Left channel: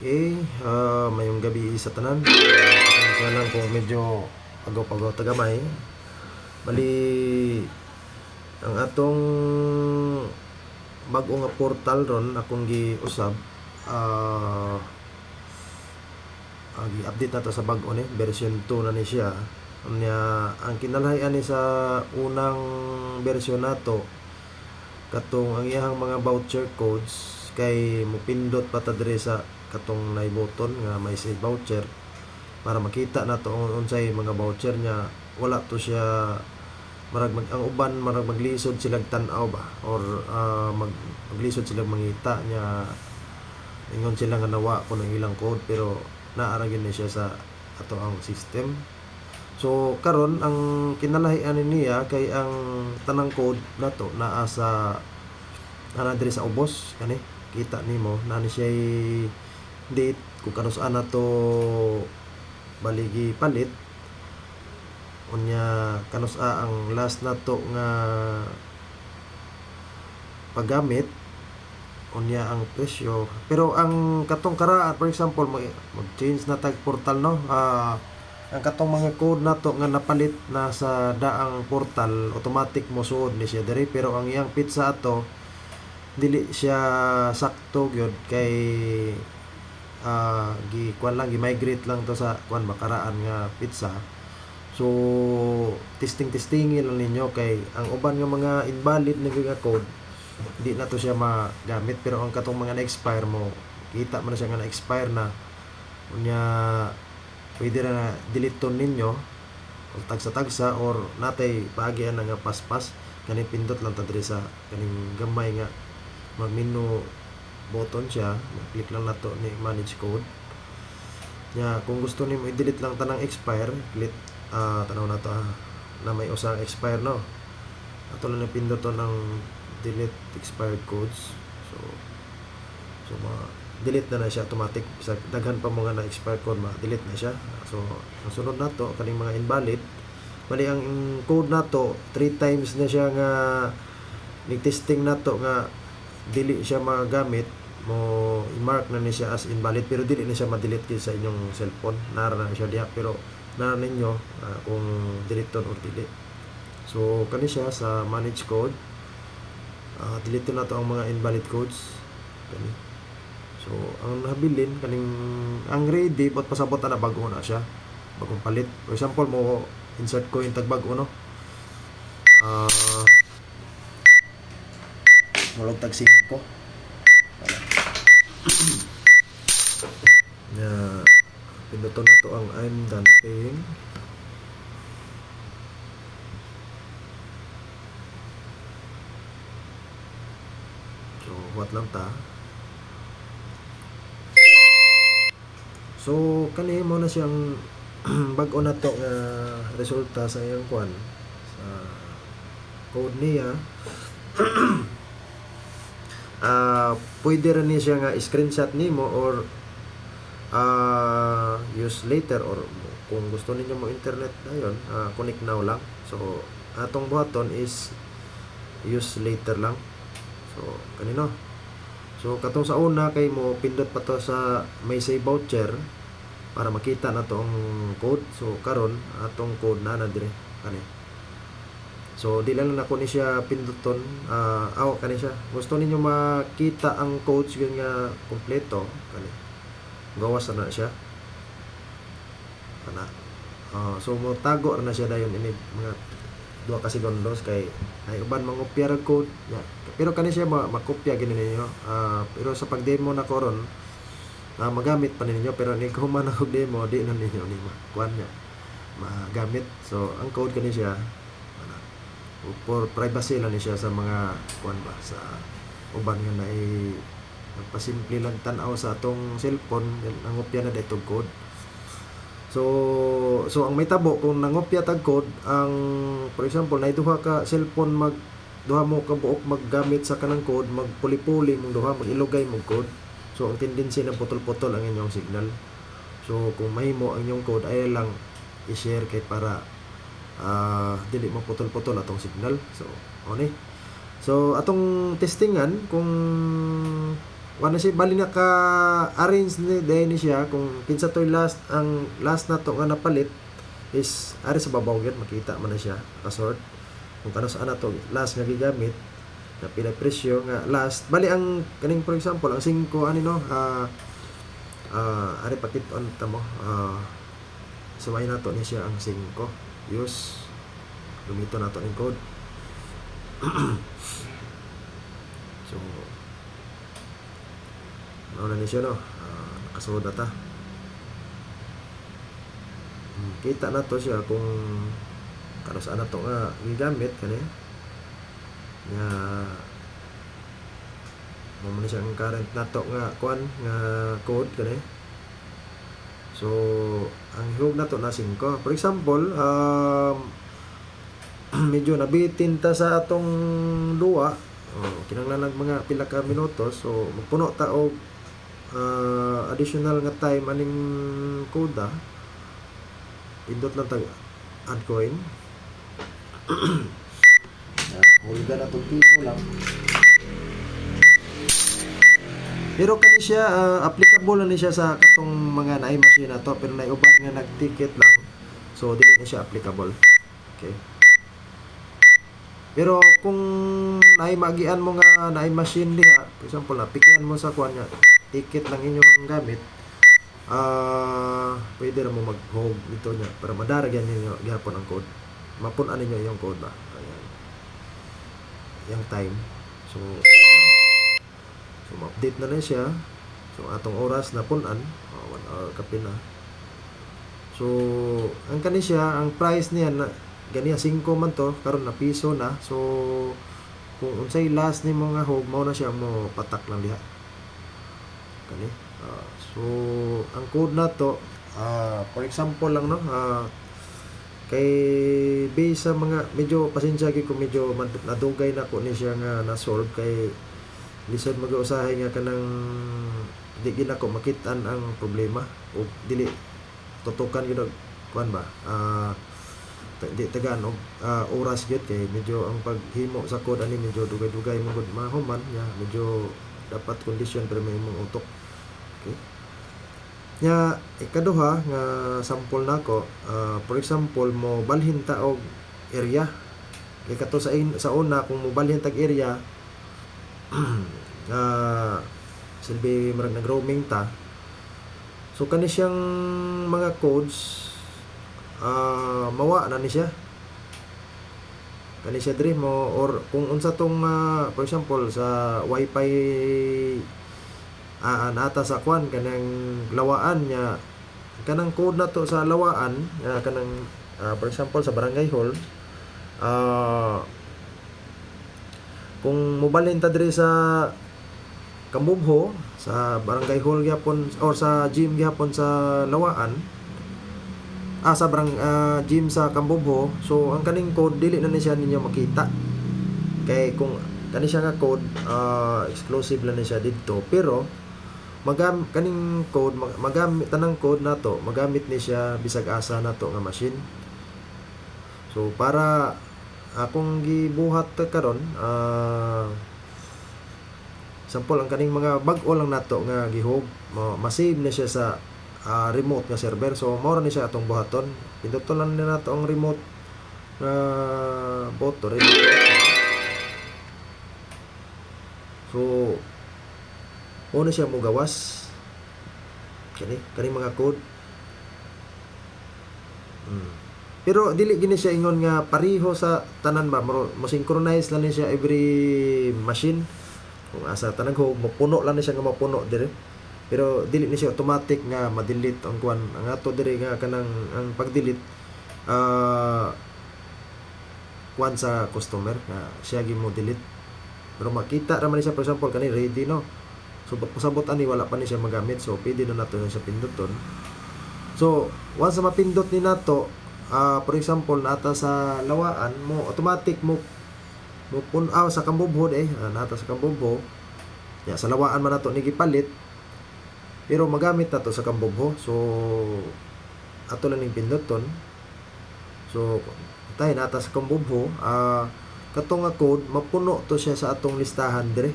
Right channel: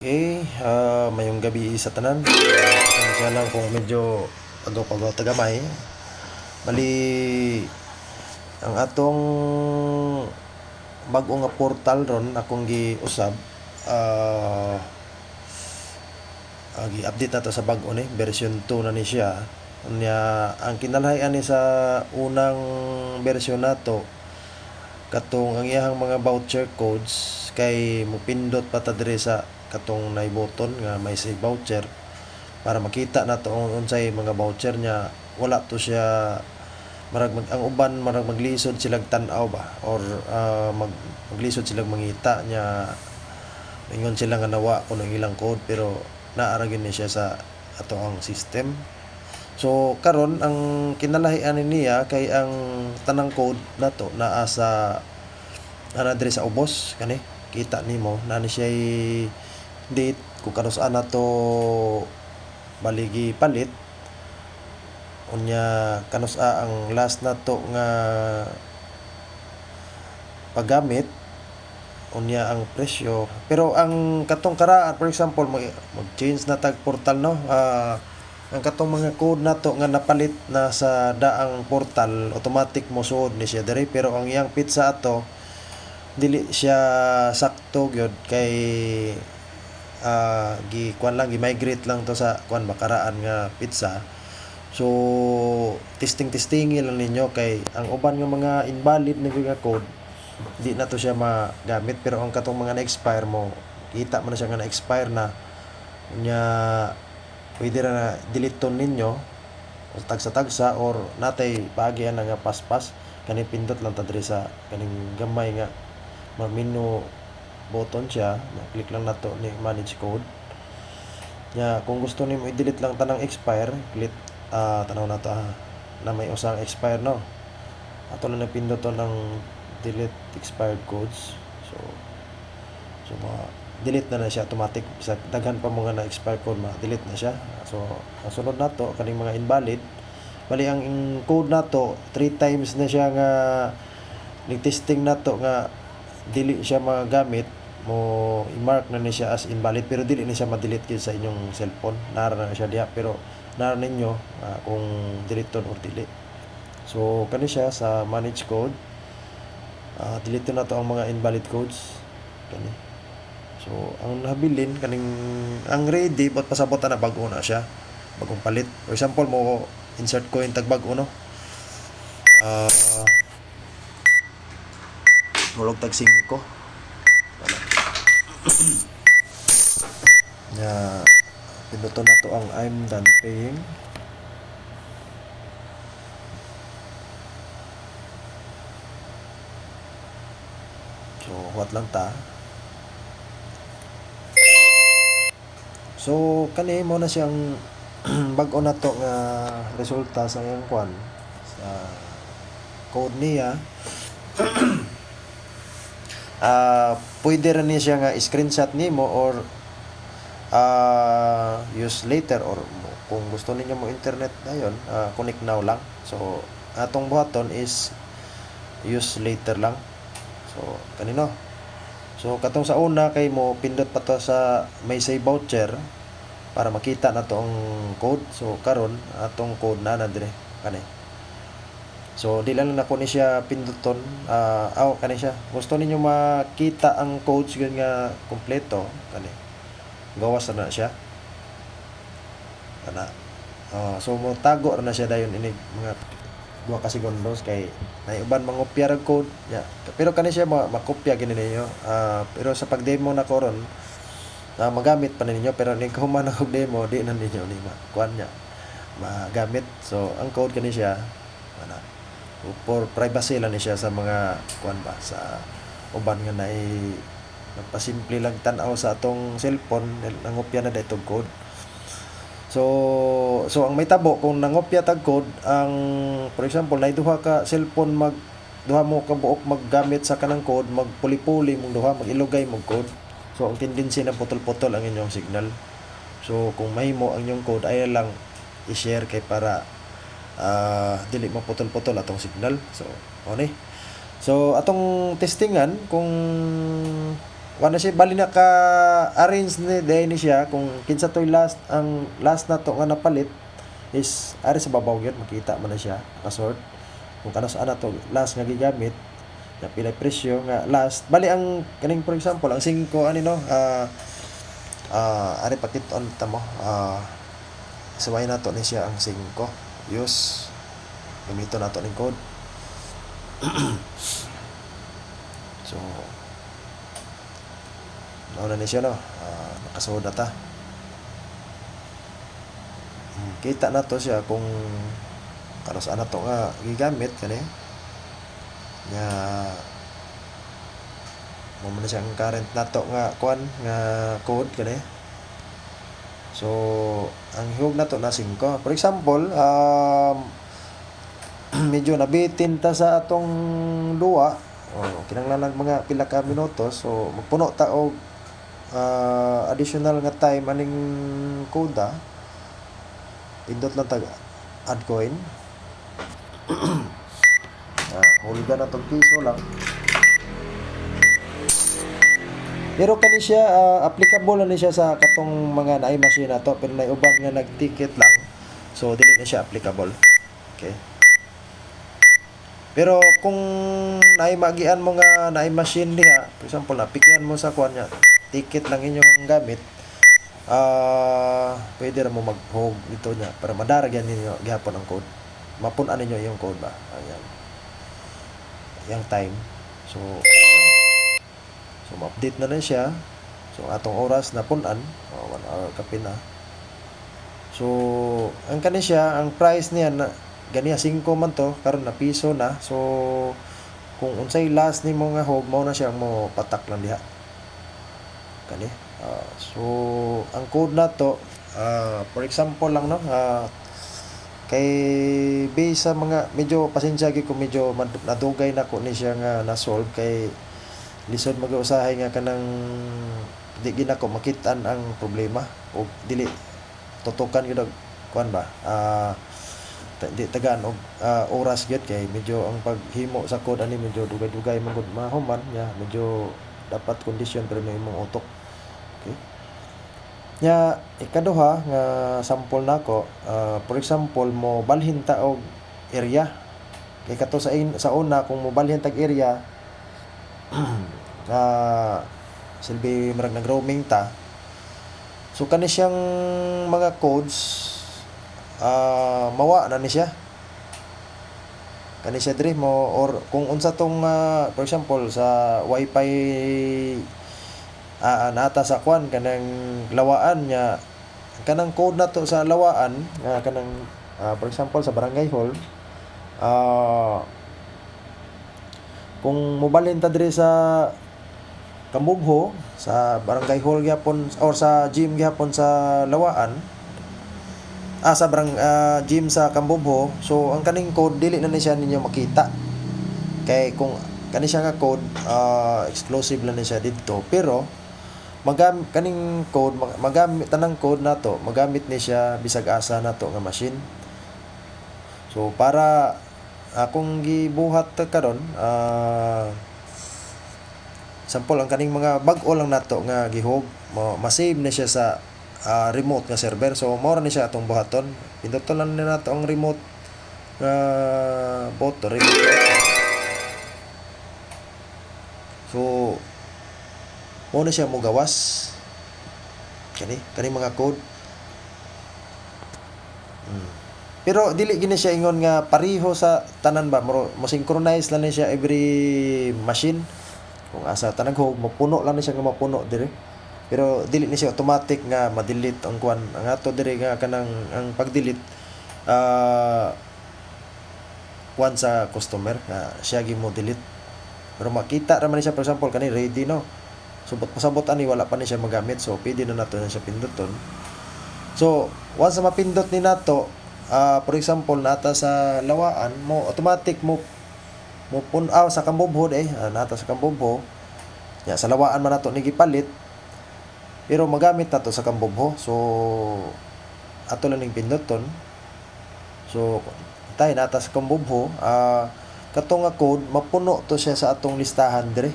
Mayong gabi sa tanan. Pasensya lang kung medyo agaw-pagaw tagamay. Bali, ang atong bag-o nga portal ron akong giusab. Gi-update na to sa bag-o ni, version 2 na ni siya. Ang kinalhayan ni sa unang version nato katong ang iyahang mga voucher codes kay mupindot pa ta dire sa katong nay button nga may save voucher para makita na to unsay mga voucher niya. Wala to siya ang uban marag maglisod silang tan-aw ba or maglisod silang mangita niya, ingon sila nga nawa ko ng ilang code pero naara gyud ni siya sa ato ang system. So karon ang kinalahian niya kay ang tanang code nato naa sa diri sa ubos kani kita nimo na ni siya date kung kanus-an nato baligi palit unya kanus-a ang last nato nga paggamit unya ang presyo. Pero ang katong karaan, for example mag-change na tag portal no, ang katong mga code nato nga napalit na sa daang portal automatic mo suod ni siya diri, pero ang iyang pizza ato dili siya sakto gyud kay gi-migrate lang to sa makaraan nga pizza. So testing lang ninyo kay ang uban nga mga invalid na nga code di na to siya magamit, pero ang katong mga na-expire mo kita mo na siya nga na-expire na unya pwede na delete ninyo o tagsa-tagsa or natay paagyan na nga paspas kani pindot lang ta diri sa kaning gamay nga menu button siya, click lang nato ni manage code nya. Kung gusto nimo i-delete lang tanang expire, click tanaw na to na may usang expire no, ato lang napindot to ng delete expired codes. So delete na siya automatic sa daghan pa mga na expire code delete na siya. So ang sunod nato kaning mga invalid, bali ang code nato 3 times na siya nga nag-testing nato nga dili siya magamit mo i-mark na ni siya as invalid, pero dili ni siya ma-delete sa inyong cellphone. Nara na siya diha pero nara ninyo kung delete or dili. So kani siya sa manage code, delete na to ang mga invalid codes kani. So ang nabilin kaning ang ready but pasabot na bago na siya, bagong palit. For example mo insert ko yung tag bago no, mulog tag 5 nya pinuto na to ang I'm done paying. So what lang ta. So kani mo na siyang bag-o na to nga resulta sa iyang kwan sa code niya. Pwede rin niya nga screenshot nimo or use later, or kung gusto niyo mo internet dayon connect now lang. So atong button is use later lang. So kanino, so katong sa una kay mo pindot pa to sa may save voucher para makita na to ang code. So karon atong code na dire kani. So di lang nako ni siya pinduton kani siya. Gusto ninyo makita ang codes gyud nga kompleto kani, gawas na siya ana. So mo tago na siya dayon ini mga 2 ka segundos kay ay uban mangopya ra code ya. Pero kani siya makopya gini ninyo, pero sa pag-demo na ko ron magamit pa ninyo, pero ning kahuman og demo di na ninyo ni kuan niya magamit. So ang code kani siya for privacy lang ni siya sa mga kuan ba sa uban nga nagpasimple lang tan-aw sa atong cellphone nangopya na daytong code. So ang may tabo kung nangopya tag code, ang for example nay duha ka cellphone duha mo ka buok maggamit sa kanang code, magpuli-puli mong duha, magilugay mong code. So ang tendency na putol-putol ang inyong signal. So kung mahimo ang inyong code ay lang i-share kay para dili maputol-putol atong signal. So okay. So atong testingan kung wala siya bali na ka arrange ni day ni siya kung kinsa toy last ang last na to nga napalit is ari sa babaw gyud makita man na siya pasort kung kanos ana to last nga gigamit na pilay presyo nga last bali ang kaning for example ang 5 ani no ari pakiton ta mo suway na to ni siya ang 5 use gamito na to ning code so nauna ni siya no nakasuod na ta kita na to siya kung kanos ana to nga gigamit kani nga mo na siya ang current nato nga kuan nga code kani so ang hihog nato na 5 for example medyo nabitin ta sa atong duwa kinahanglan mga pila ka minutos so magpuno ta og additional nga time aning koda pindot lang tag add coin hulga na tong piso lang pero kani siya applicable na siya sa katong mga naay machine na to pero naay uban nga nag-ticket lang so dili na siya applicable okay pero kung naay magian mo nga naay machine diha for example napikian mo sa kuan nya ticket lang inyong gamit pwede ra mo mag-hog ito nya para madaragyan ninyo gihapon ang code mapun-an ninyo yung code ba ayan yung time so ma-update na siya so atong oras na pun-an 1 hour kapin na so ang kani siya ang price niya na ganiya 5 man to karon na piso na so kung unsay last ni mga hog mao na siya mo patak lang diha kani so ang code na to for example lang no kay base sa mga medyo pasensya gyud ko medyo nadugay na ko ni siya nga na-solve kay lisod mag-usahay nga kanang di gina ko makitaan ang problema o dili tutukan gyud kuan ba di tagaan og oras gyud kay medyo ang paghimo sa code ani medyo dugay-dugay man gud mahuman nya medyo dapat kondisyon pero may imong utok okay nya ikaduha nga sample nako for example mo balhin ta og area kay kato sa una kung mo balhin tag area silbi marag nag roaming ta so kani siyang mga codes mawa na ni siya kani siya diri mo or kung unsa tong for example sa wifi nata sa kwan kanang lawaan nya kanang code na to sa lawaan kanang for example sa barangay hall kung mobalhin ta diri sa Kambubho sa barangay hall gyapon or sa gym gyapon sa lawaan sa gym sa Kambubho so ang kaning code dili na ni siya ninyo makita kay kung kani siya nga code exclusive lang ni siya didto pero kaning code magamit tanang code nato magamit ni siya bisag asa nato nga machine so para akong gibuhat karon sample ang kaning mga bag-o lang nato nga gihog ma-save na siya sa remote nga server so mao ra ni siya atong buhaton pinduton lang ni nato ang remote button so mo na siya mo gawas kani mga code pero dili gini siya ingon nga pareho sa tanan ba mo synchronize lang ni siya every machine kung asa tanang hog mapuno lang ni siya nga mapuno dire pero dili ni siya automatic nga ma-delete ang kuan ang ato dire nga kanang ang pag-delete kuan sa customer nga siya gi mo delete pero makita ra man siya for example kani ready no so pasabot ani wala pa ni siya magamit so pwede na nato siya pinduton so once na mapindot ni nato for example nata sa lawaan mo automatic mo pun-aw sa Kambubho nata sa Kambubho ya sa lawaan man nato ni gipalit pero magamit nato sa Kambubho so ato lang ning pinduton so tay nata sa Kambubho katong nga code mapuno to siya sa atong listahan dire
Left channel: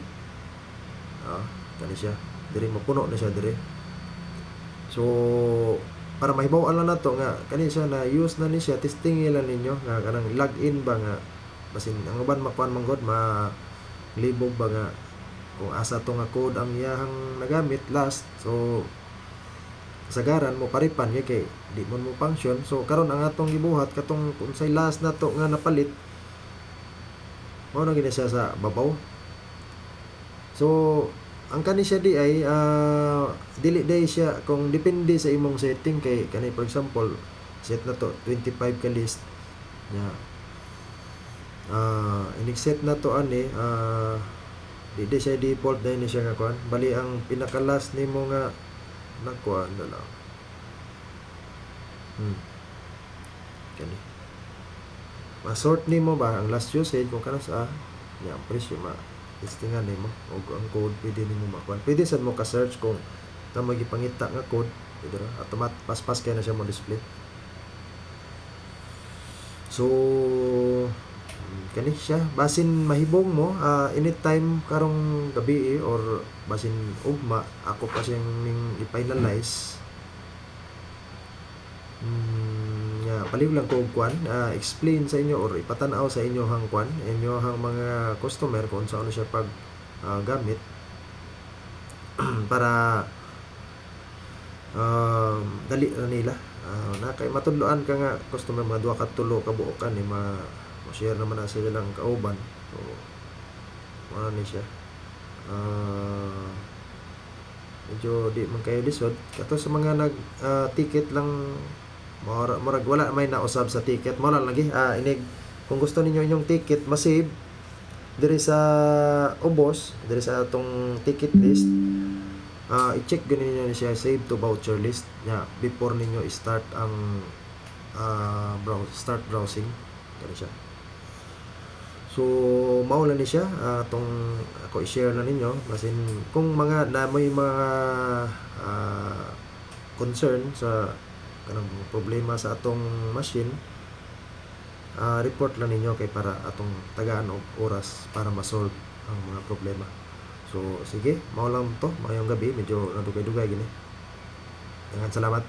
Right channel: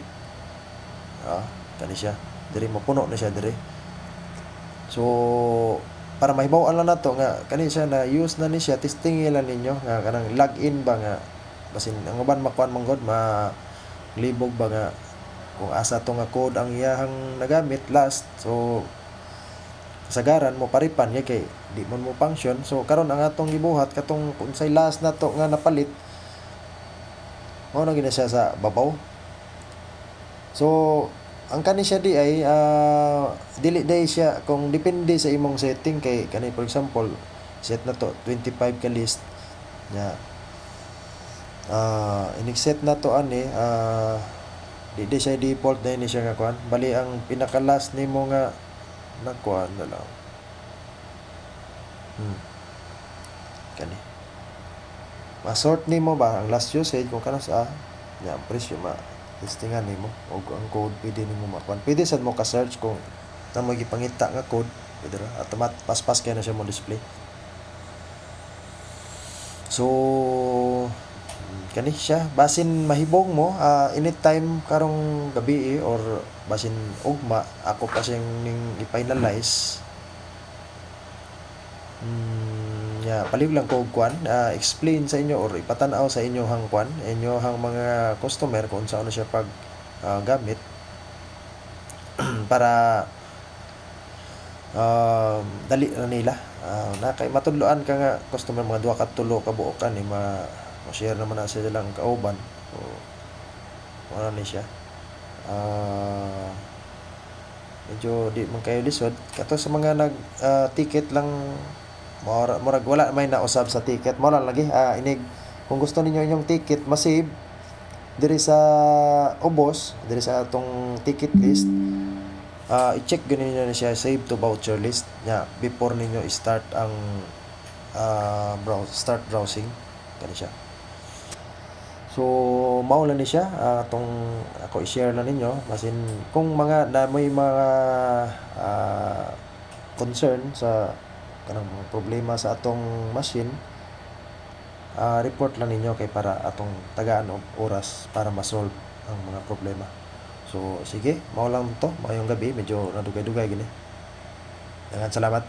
kani siya diri mo puno na siya diri. So para mahibaw-an lang nato nga kani siya na use na ni siya, testing lang ninyo nga kanang login ba nga basin ang uban makuan man god libog ba nga kung asa to nga code ang iyahang nagamit last. So kasagaran mo paripan kay di man mo function. So karon ang atong gibuhat katong unsay last nato nga napalit mao na gina siya sa babaw. So ang kani siya di ay dili day siya kung depende sa imong setting kay kani for example set na to 25 ka list nya inig-set na to ani di siya default na ini siya nga kuan bali ang pinaka last nimo nga nakuan na lang kani ma-sort nimo ba ang last usage kung kana sa nya presyo ma testingan nimo og ang code pwede nimo makuan. Pwede sad mo ka search kung namo gipangita nga code pwede ra paspas kay na siya mo display. So kani siya basin mahibong mo anytime karong gabi or basin ugma ako pa siyang ning i-finalize palig lang ko og kwan explain sa inyo or ipatan-aw sa inyo hang kwan inyo hang mga customer kung saan siya pag gamit para dali na nila na kay matudloan ka nga customer mga duha ka tulo ka buokan ni ma-share naman na sila lang kauban. So wala ni siya medyo di man kayo lisod kato sa mga nag ticket lang murag wala may nausab sa ticket mo lang lagi inig kung gusto ninyo inyong ticket ma-save diri sa ubos diri sa atong ticket list i-check ganin niyo na siya save to voucher list nya before ninyo start ang start browsing kani siya. So mao lang ni siya atong ako i-share na ninyo basin kung mga na may mga concern sa kanang problema sa atong machine report lang ninyo kay para atong tagaan og oras para ma-solve ang mga problema. So sige mao lang to, maayong gabi, medyo nadugay-dugay gini. Daghang salamat.